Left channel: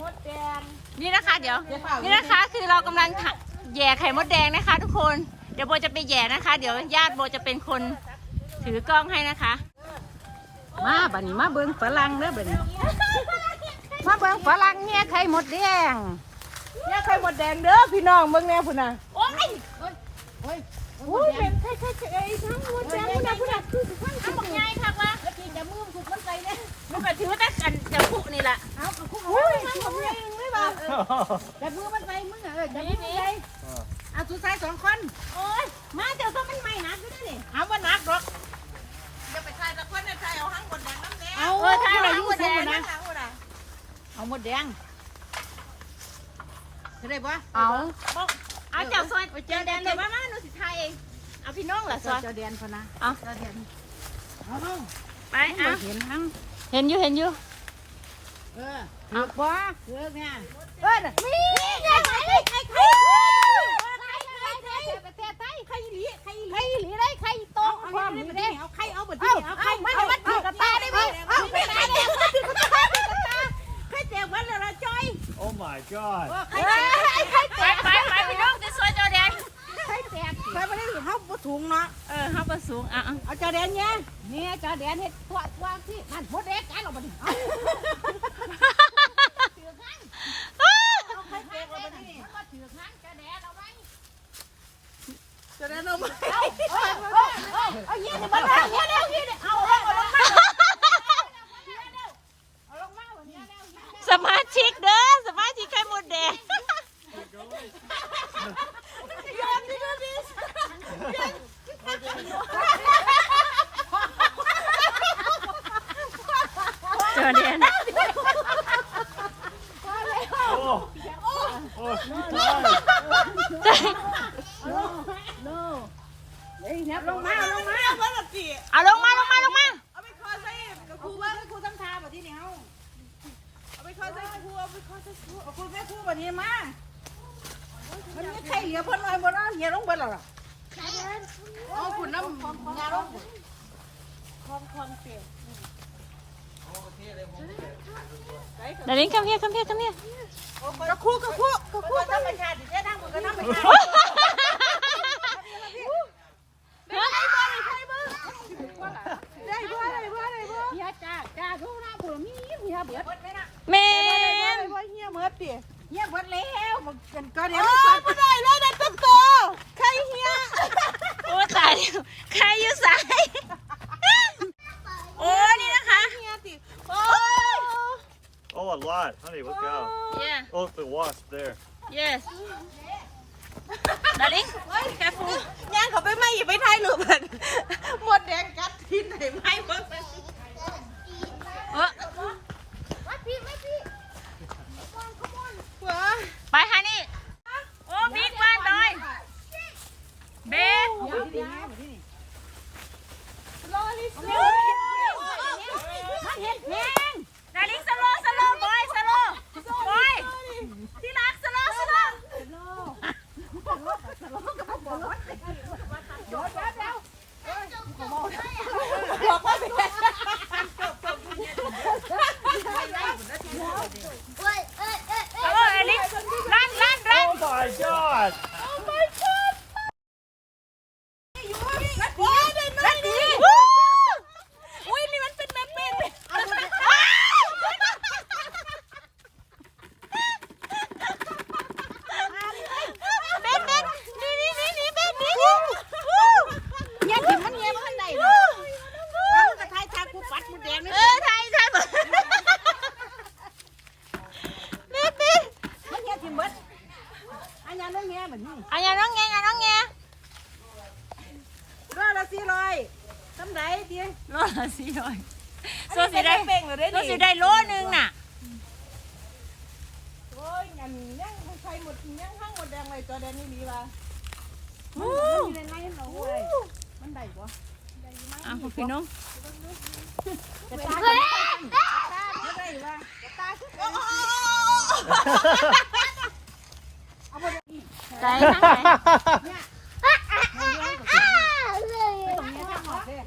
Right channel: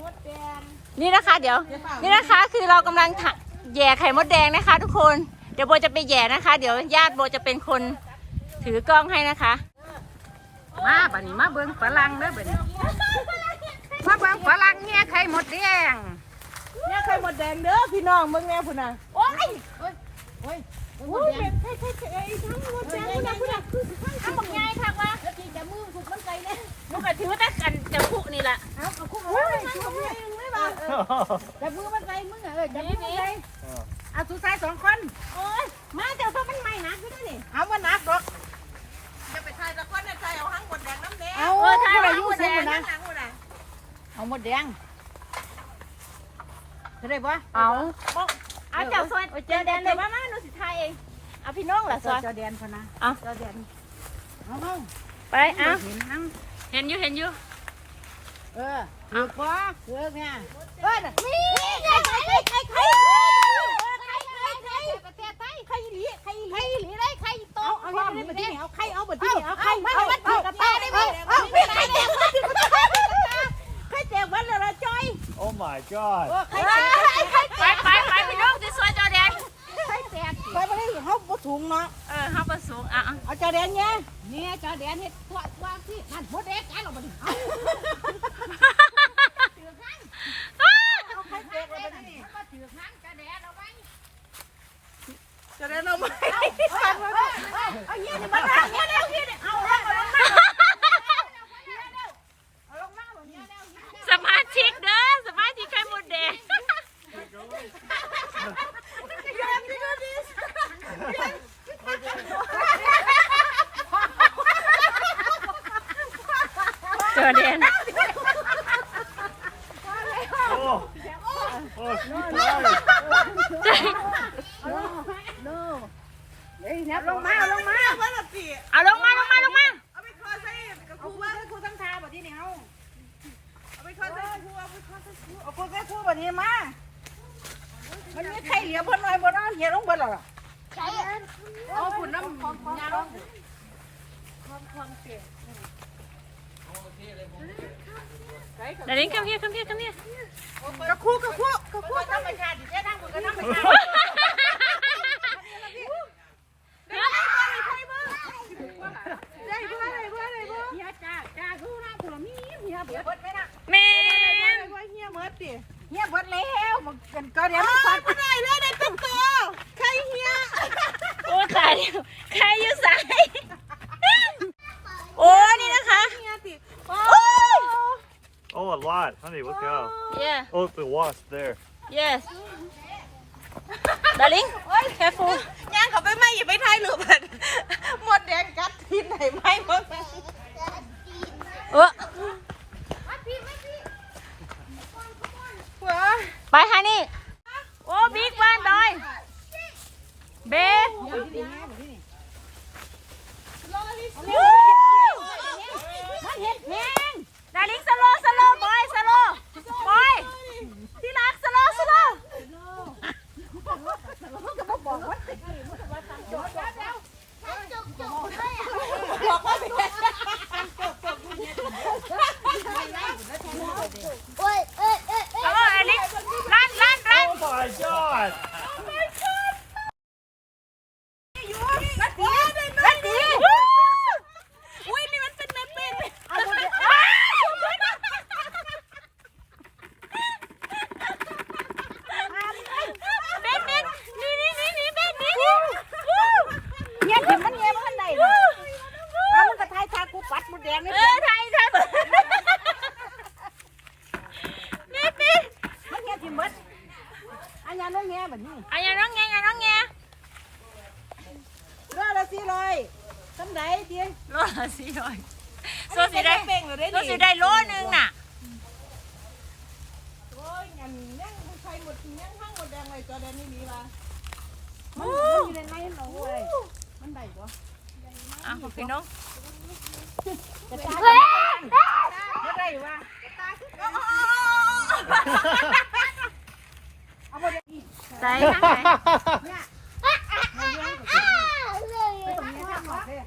มดแดงนี่นะคะ เดี๋ยว นี่นะคะคือเรากำลังทะแย่ไข่มดแดงนะคะ ทุกคน เดี๋ยวโบจะไปแย่นะคะ เดี๋ยวญาติโบจะเป็นคนถือกล้องให้นะคะ มาบัดนมาเบิ้งฝรั่งเด้อบัดนมาเบิ้งฝรั่งแย่ไข่มดแดงเนี่ยไข่มดแดงเด้อพี่น้องเบิ่งแน่พุ่นน่ะโอ้ยโอ้ยโอ้ยมดแดง จับมือมันไปมึงอะเออจับมือมันไปเอาสุดท้ายสองคนโอ้ยมาเจ้าส้มมันใหม่นะพี่นี่เอาว่านักหรอกจะไปทายตะคนในใจเอาห้างบนแดงน้ำแดงเอาเออถ้าผู้ใดเราอยู่หมดแดสูงงนะนะทางคนไหนเอาหมดแดงจะได้ปะเอาเอาเจ้าซอยเจ้าแดงเดี๋ยวมามาหนูสิทายเองเอาพี่น้องแหละซอยจอแดนพนะจอแดนเอาเอาไปเอาเห็นมั้งเห็นอยู่เห็นอยู่ เออเอาปะเออเนี่ยเออน่ะนี่ไข่ไข่ไข่ไข่ไข่ไข่ประเทศไทยไข่หลีไข่หลีหลีได้ไข่โตเอาเอาเอาเอาเอาไข่เอาบดที่เอาไข่เอาเอาเอาเอากับเอาตาได้ไหมเอาไม่ไข่แดงวัดไข่แดงวัดเลยละจอย Oh my god. ไข่แดงไข่ไปไปไปพี่น้องที่ซอยจอแดนไข่แตกไข่ไม่ได้เขาบ่ถุงเนาะเออเขาประสูงอะเอาจอแดนเนี่ยเนี่ยจอแดนเฮ็ดตัวตัวที่นั่นหมดแดงกันออกมาดิเอาเอา สมาชิกเด้อสมาชิกไข่มดแดงจอแดน Oh. Oh, she died. เฮ้ยเนี่ยลงมาเอาลงมาเอาลงมาลงมาลงมาเอาไปคอใส่กับคเอารูครูว่าครูทำทาแบบที่นี่เอาเอาไปคอใส่ครูเอาไปคอใส่ครูเอาครูแค่ครูแบบนี้มามันมีไข่เหลือเพิ่นหน่อยบ่เนาะเหี่ยลงบิดหรอเอาฝุ่นน้ำยาลงนาริน come here come here come here กับครูกับครูกับครูต้องไปค่ะดิเจ้านั่กันนั่ไปได้บ่ได้บ่ได้บ่ เฮียจ้าจ้าทุกน้าผัวมีเฮียเบิด แมนบ่เหี่ยเหมือดติเฮียเบิดแล้วบอกกันก็เดี๋ยวเอาไม่ฟังบ่ได้เลยได้ตุ๊กโตไข่เหี่ยโอ้ตายแล้วใครอยู่สายโอ้นี่นะคะเหี่ยติโอ้ย Oh, a lot. Honey, look out. yeah Look, the wasp there. yes darling careful ย่างเขาไปไม่อย่าไปถ่ายรูปเพิ่นหมดแดงกัดที่ไหนไม่หมด เออไปฮะนี่โอ้บิ๊กบ้านดอยเบส มันเห็ดแพง ดาริงสโลสโลบอยสโลบอยที่รักสโลสโล สโลอลิกลั่นลั่นลั่น Oh my god. ลั่นดี อุ้ยนี่มันเป็นน้ำเป็น เอาหมดเลยเบนเบนนี่นี่นี่นี่เบนนี่นี่ เฮียถึงมันเฮียมันได้เอามันกระทายทากูปัดมดแดงนี่ เออไทยไทยเบิดเบนเบน มันเฮียถึงเบิดอันยังน้องเฮียแบบนี้ อันยังน้องแงอันน้องแงรอละสี่ร้อยทำไรดีโลละสี่ร้อยอันโซนี้สิเป็นได้น้ำเป่งเลยโซนี่สิได้โลนึงน่ะโอ้ยงั้นยังใครหมดยังห้างหมดแดงเลยตัวแดงนี่ดีป่ะมันมันอยู่ในในเราเว้ยมันได้ปะอะพี่น้อง จะตายจะได้ว่า ใส่ทั้งไหนไปตรงนี้ข้าย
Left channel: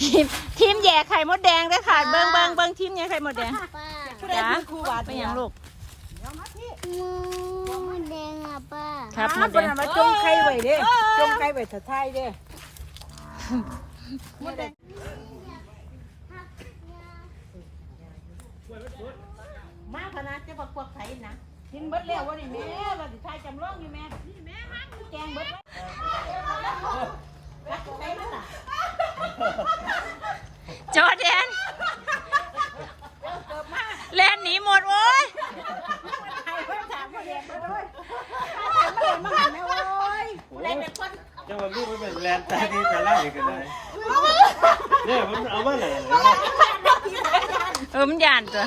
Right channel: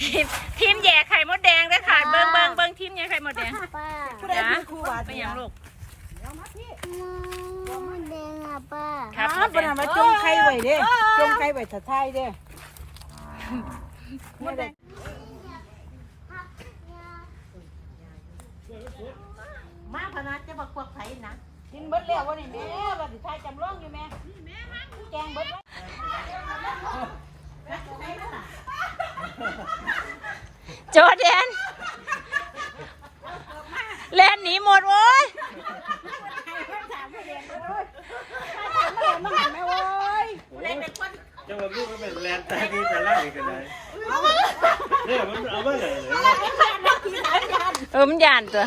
ทีมทีมแย่ไข่มดแดงด้วยค่ะ เบิ้งเบิ้งเบิ้งทีมแย่ไข่มดแดงข้ผู้ใดคือครูบาไปยังลูกมูแดงอะป้าครับมดแดเป็นงทำไมไข่ไว้เด้จงไข่ไว้ถ้าไทยเด้มดแดงมากขนาดจะบอกพวกไผ่นะ กินเบิดแล้วบ่นี่แม่ก็สิทายจำลองอยู่แม่นี่แม่ฮักแกงเบิดจอร์แดนเล่นหนีหมดโว้ยไข่เพิ่นถามมาเรียนโอ้ยถามมาเรียนมาหันแม่โอ้ยจะมาลูกก็เป็นแลนด์ตาดีแต่ล่างกันเลยเนี่ยมันเอามาไหนเลยเออมันยานตัว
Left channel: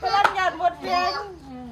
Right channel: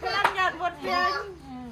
เพื่อนหยาดหมดเพียงมันก็คือ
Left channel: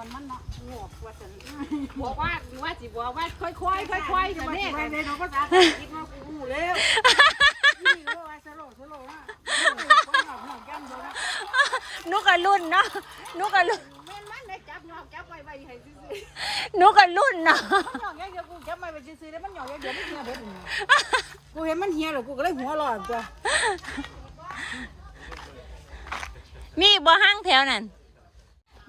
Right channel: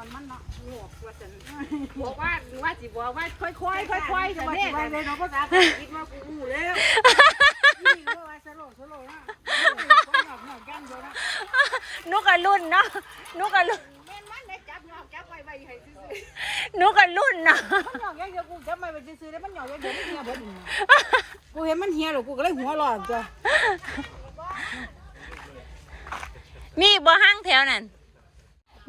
อบอได้อยู่ไปอันนี้ go first บอกว่าว่าสิบอกว่าค่อยๆค่อยๆจะมาสิว่าเลยเนาะภาษาคิดว่ากูรู้แล้วนี่ก็ว่าสโลสโลนะคนหอกหอกกันเดียวนะนุกกับรุ่นเนาะนุกกับรุ่นแม่นมันได้จับหอกจับไว้ไว้ให้ซื่อนุกกับรุ่น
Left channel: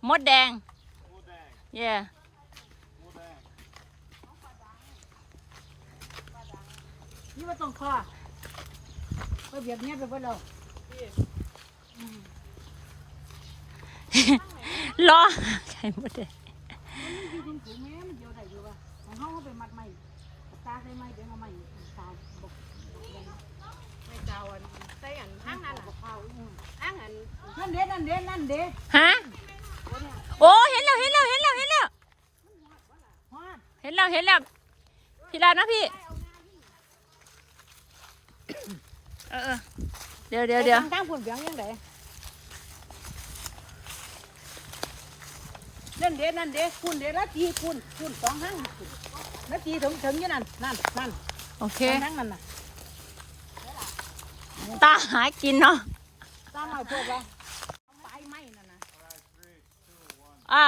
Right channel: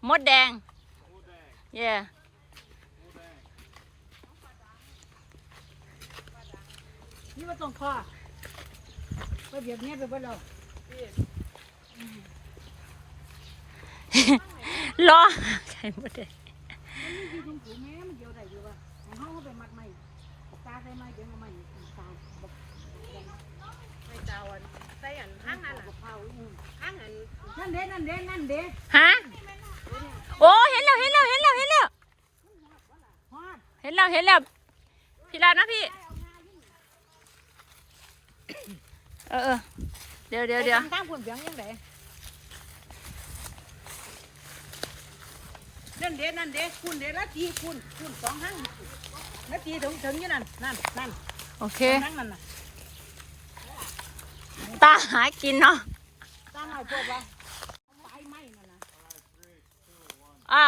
เดียวมันเหี่ยวเบิดนี่กูเห็นมันเหี่ยวแล้วกูก็เลยหัวร้อนจ้ะมีบ่ห้างแถวนั่นมี I can sit on the cow เนาะไปไปไปอีพุ่นนะกล้องไปพุ่นไปโกหันนี่จ้าไปพุ่นน่ะก็คู่ Darling you can call มดแดงมดแดง yeah the ant มดแดง yeah นี่ว่าต้องคอก็เบียดเนี้ยไปเบิดแล้วรอใช่มดแดงอยู่ถุงถุงแม่มันเดียวได้อยู่ว่าของเฮาเอาไปมัดใหม่ตาใส่ไม้เดี๋ยวเอาใหม่ตาบอกใส่อันห้างนั่นน่ะเผาอืมห้างอันนั่นเด้นั่นเด้นั่นเด้ฮะ โอ้เห็นแล้วเห็นแล้วเห็นแล้วเห็นแล้วฮอดเห็นแล้วเห็นแล้วพี่ลาดนะพี่เออเออเดี๋ยวเดี๋ยวเดี๋ยวตั้งผุนเบียงยังไงนั่นเด้นั่นเด้คุณเด้ละทีคุณคุณสองหังนาทีถึงถึงอยู่นั่นนั่นนั่นโอเคนั่งนั่นน่ะตาหากินเนาะตั้งหน่อยเพื่อว่าไฟไหม้นั่นน่ะ อ่า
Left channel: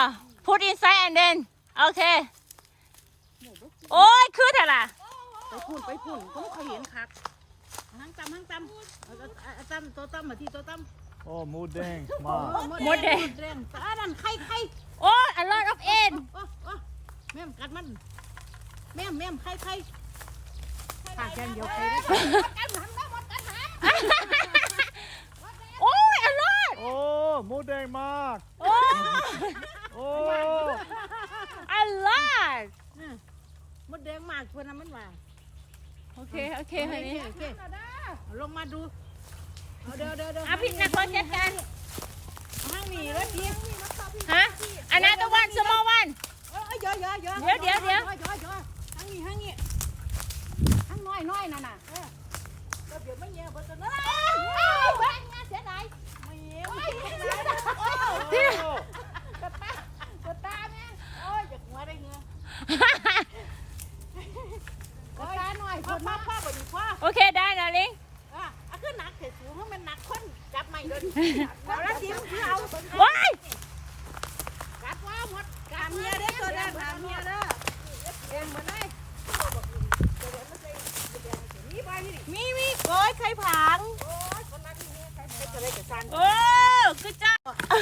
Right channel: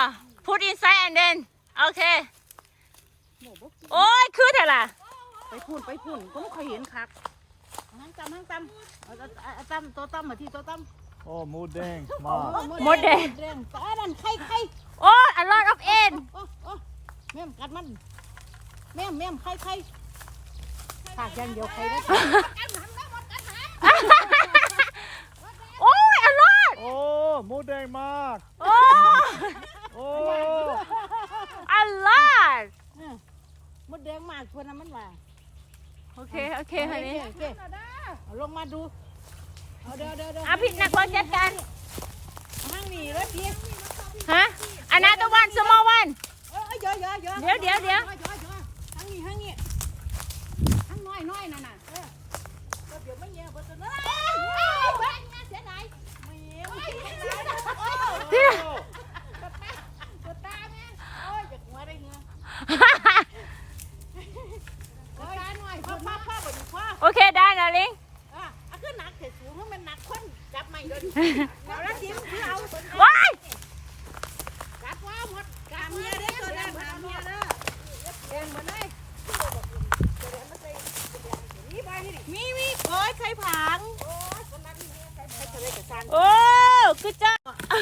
put inside and then โอเค โอ้ยคือเถอะล่ะไปพุ่นไปพุ่นก็ไม่เคยเห็นครับหังตำหังตำเอาเอาเอาตำตัวตำมาที่ตัวตำ oh mood dang มาหมดแดงแดงตาดันไข่ไข่โอ้ย a lot of end โอ้โอ้แม่มกัดมันแม่มแม่มไข่ไข่ปากยันเดียวไข่ได้โอ้ย a lot โอ้ mood dang มาก โอ้โอ้ a lot มดแดงมากชวนน้ำมันมาโอเค โอเคฮันนี่โอเคเอาลงมาดูเอาเดี๋ยวเดี๋ยวเดี๋ยวอะพี่นักบอลจัดการห้างนี่แล้วพี่ฮะ another one small one เอ้ยเยอะเยอะเยอะเดี๋ยวเดี๋ยวเดี๋ยวเยอะเยอะเยอะห้างนี่ห้างนี่ห้างน้อยน้อยนั่นน่ะเออเดี๋ยวไม่เงี้ยเบิดตัวนั้นเอ้ยเอ้ยเบิดงานเสียดายไม่เงี้ยไม่เงี้ยพี่กดตากดตาแม่โอ้ย ที่โอเคได้นะลิงอะอะขึ้นหนักเสียสูงเพราะมันหนักคนจับไม่โดนเอาล้วจิ้มคือเอาว้ายกัดว่าหมดกามเมียเด้อตัวนั้นกามเมียเด้อแดงหมดเลยมีมีโอ้ยใครผัง โอ้ คือจ้าโอ้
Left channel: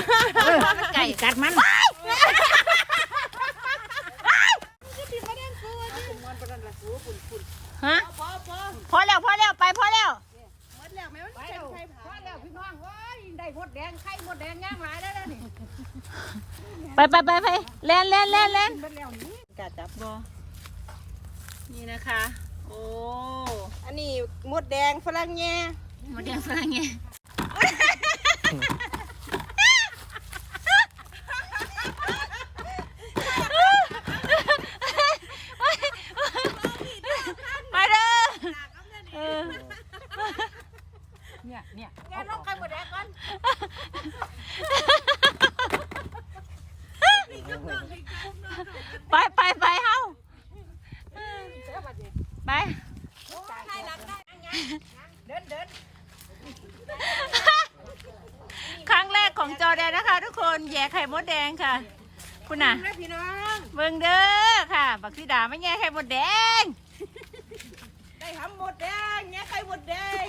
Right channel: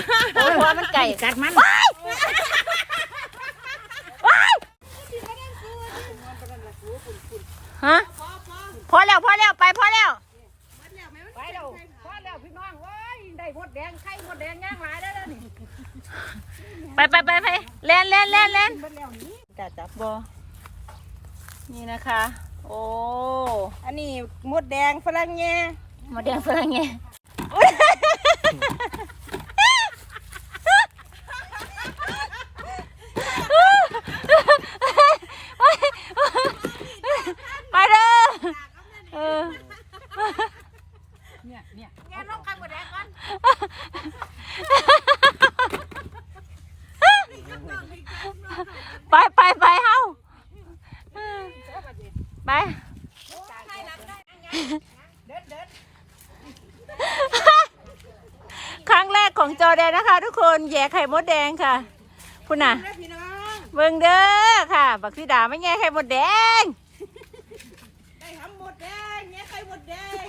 ยหัวมันไก่กัดมันว้ายว้ายมันเป็นอะไรสูคุณคุณฮะพอแล้วพอแล้วไปพอแล้วไปแล้วพอแล้วพี่น้องเว้ยได้มดแดงไข่มดแดงย่างหลายแล้วเด้อนี่ไปไปไปไปเล่นเล่นเล่นเล่นเบิดแล้วนี่จับจับบอนี่นะคะ โอ้อันนี้มดแดงฝรั่งแง่หมาแดงฝรั่งไงไปเด้อเออ เนี่ยเนี่ย ไปไปไปเฮาไป เดินเดิน ครั้งแรกของจอแดน นะคะทุกคนแย่ไข่มดแดงค่ะคุณน่ะนะพี่น้องเบิ่งเด้อค่ะ บักสีดาไม่แย่ไข่มดแดง ได้หำมดแดงแง่ไข่มดแดง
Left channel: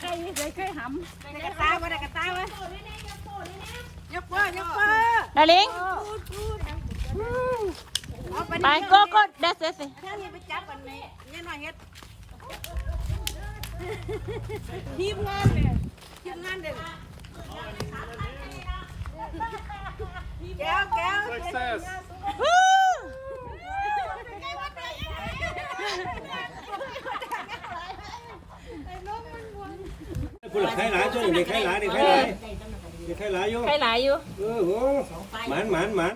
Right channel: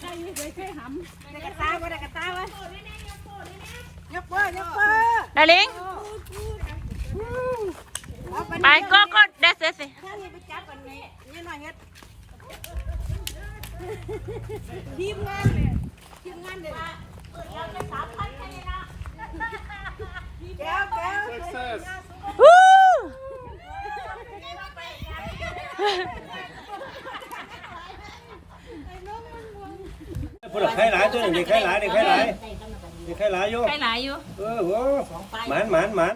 ไข่ได้ไข่หำได้กระตาบ่ได้กระตาบ่ยกเปิ้ลยกเปิ้ลดาลิงเอาไปไปก็ก็เดสเดสถ้าเฮ็ดไปจับกันนี่เนี่ยหน่อยเฮ็ดทีมงานเนี่ยทีมงานเด้อ แก้วแก้ว Success วู้พูดใครหลายตัวหนึ่งเด็กใครหลายเด็กใครหลายเด็กใครหลายอยู่ใครหลายอยู่ เออโหหมานหมานหมาน